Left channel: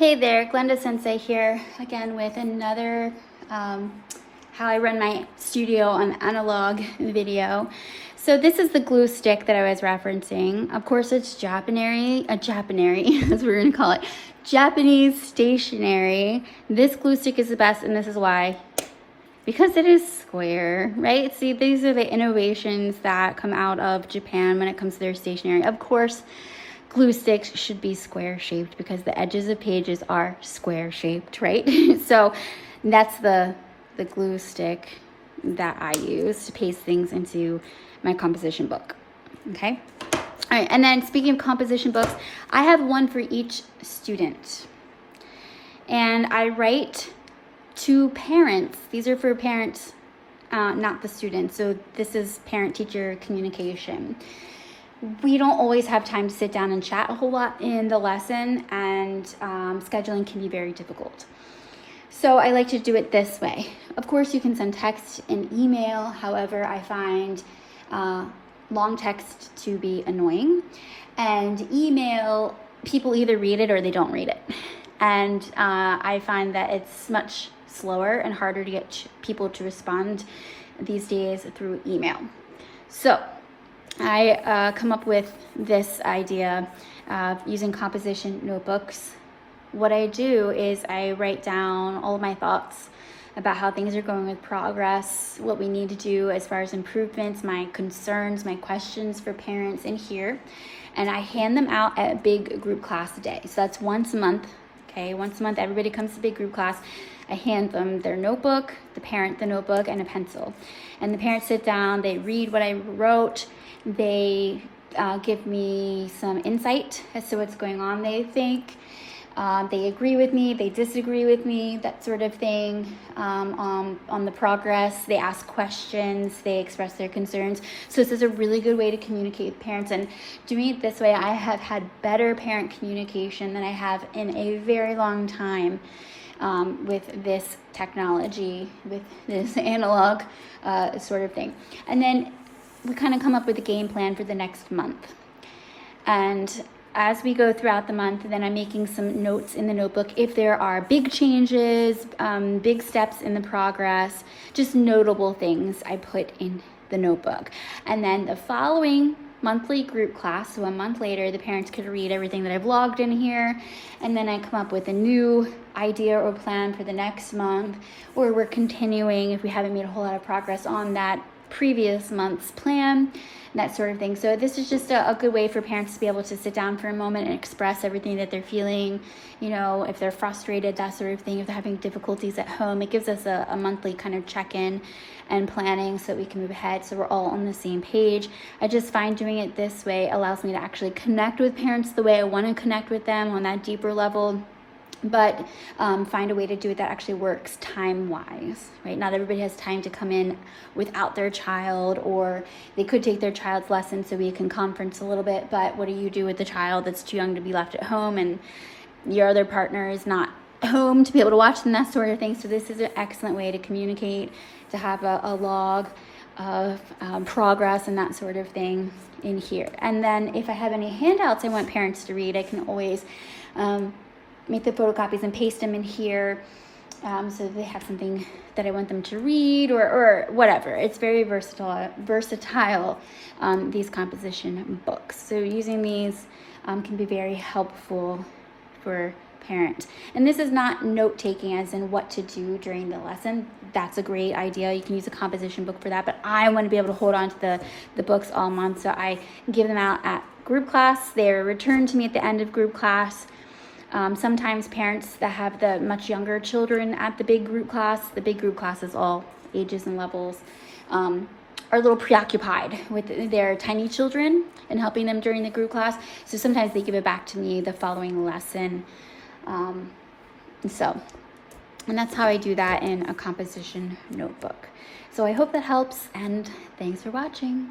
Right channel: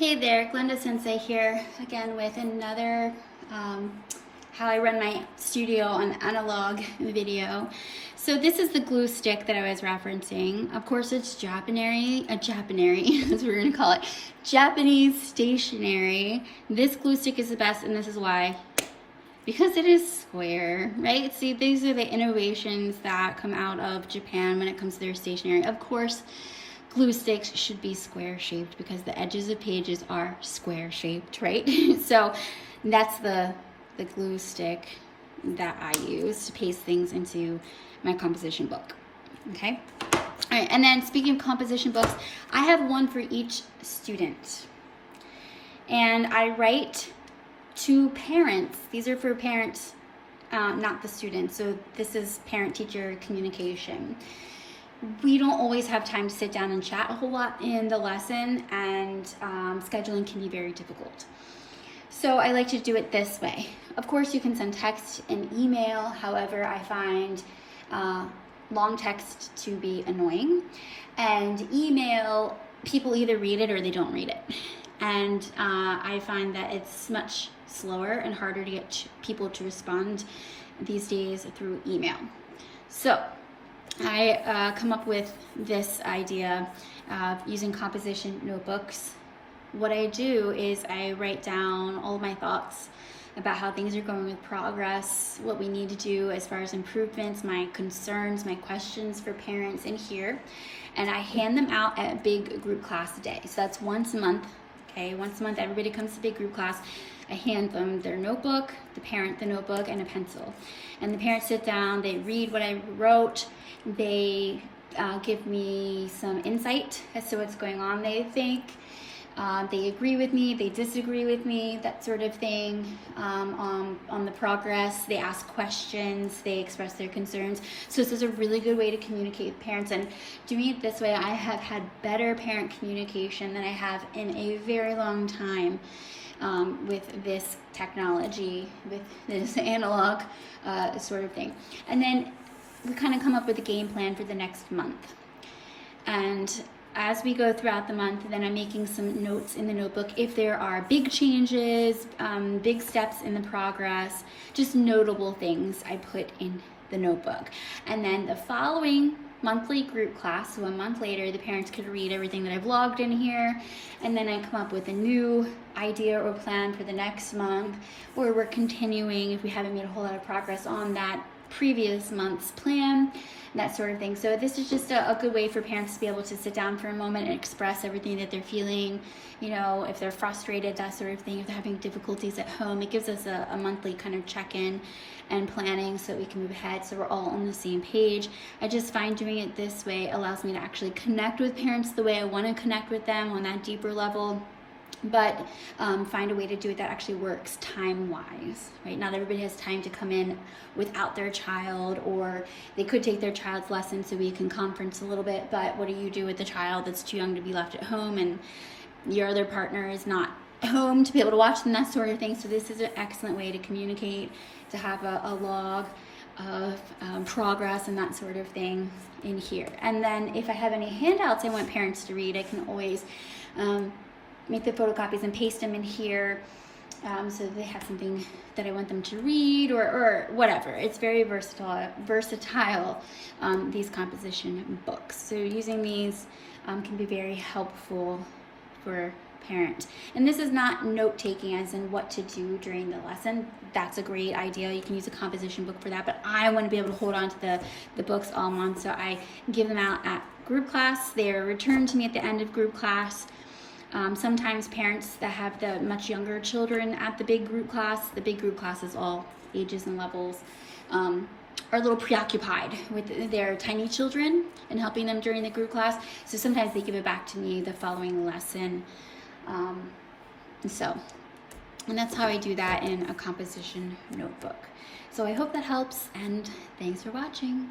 Hey there, Glenda-Sensei here again with another how I run my studio on analog video. So this is the glue stick that I was referencing. Of course it's Japanese, as we're gonna call it, Japanese stationery. This glue stick is the best, and this is why. Because it is square, right? See, these are the innovations that come out of Japan when it comes to their stationery. Of course, glue sticks should be square shaped because the edges of pages are square shaped, right? So that's the glue stick that I use to paste things into my composition book, okay? All right, and then speaking of composition books, I have one for each student. And I write to parents. These are for parents, not the students. So this is parent-teacher communication. We don't always have time to sit down and chat a whole lot in the lesson, and scheduling can be very difficult. So I like to do it this way. Of course, you can send text and email. However, I find long text to be annoying, and email, people either read it or they don't read it. And I find that it's much slower and harder to get people to respond these days through email. So I come up with this idea of using composition notebooks. What I do is I write down all of my thoughts about how things are going with progress, what we need to do as far as improvements, my concerns, my questions for parents in here, and I hand them out at a big group class day. So that's once a month, okay? Once a month, everybody comes to big group class. I hand them their notebook, the parent the notebook, and a pencil. And the parents sit down, they read what I wrote, they give me some insight as to what's going on, they think. They agree with me, they disagree with me, that sort of thing, on the progress. They ask questions, they express their concerns. So this is a really good way to communicate with parents, and doing it this way, I have had better parent communication than I have in a very long time with this technology, with this analog sort of thing. And then we kind of come up with a game plan for the next month. And as we go throughout the month, then I'm making some notes in the notebook if there are big changes, big steps in the progress, just notable things I put in the notebook. And then the following monthly group class, so a month later, the parents could read everything that I've logged in here, and then I come up with a new idea or plan for the next month, or we're continuing if we haven't made a whole lot of progress on that previous month's plan, that sort of thing. So this is just a good way for parents to be able to sit down for a moment and express everything that they're feeling, you know, if they're frustrated, that sort of thing, if they're having difficulties at home. It gives us a monthly kind of check-in and planning so we can move ahead, so we're all on the same page. I just find doing it this way allows me to actually connect with parents the way I want to connect with them on that deeper level, but find a way to do it that actually works time-wise, right? Not everybody has time to come in without their child, or they could take their child's lesson so we can conference a little bit, but what do you do with the child that's too young to be left at home and your other partner is not home to be able to watch them, that sort of thing? So this is an excellent way to communicate, to have a log of progress and that sort of thing in here. And then if I have any handouts I want parents to read, I can always make the photocopies and paste them in here, so they have something that I want them to read, or whatever. It's very versatile, these composition books. So using these can be very helpful for parents. And this is not note-taking as in what to do during the lesson. That's a great idea. You can use a composition book for that, but I want to be able to hold on to the books all month, so I give them out at group class. They're returned to me at the end of group class. Sometimes parents that have the much younger children at the big group class is all ages and levels, are a little preoccupied with their tiny children and helping them during the group class. So sometimes they give it back to me the following lesson. And that's how I do that in a composition notebook. So I hope that helps, and thanks for watching.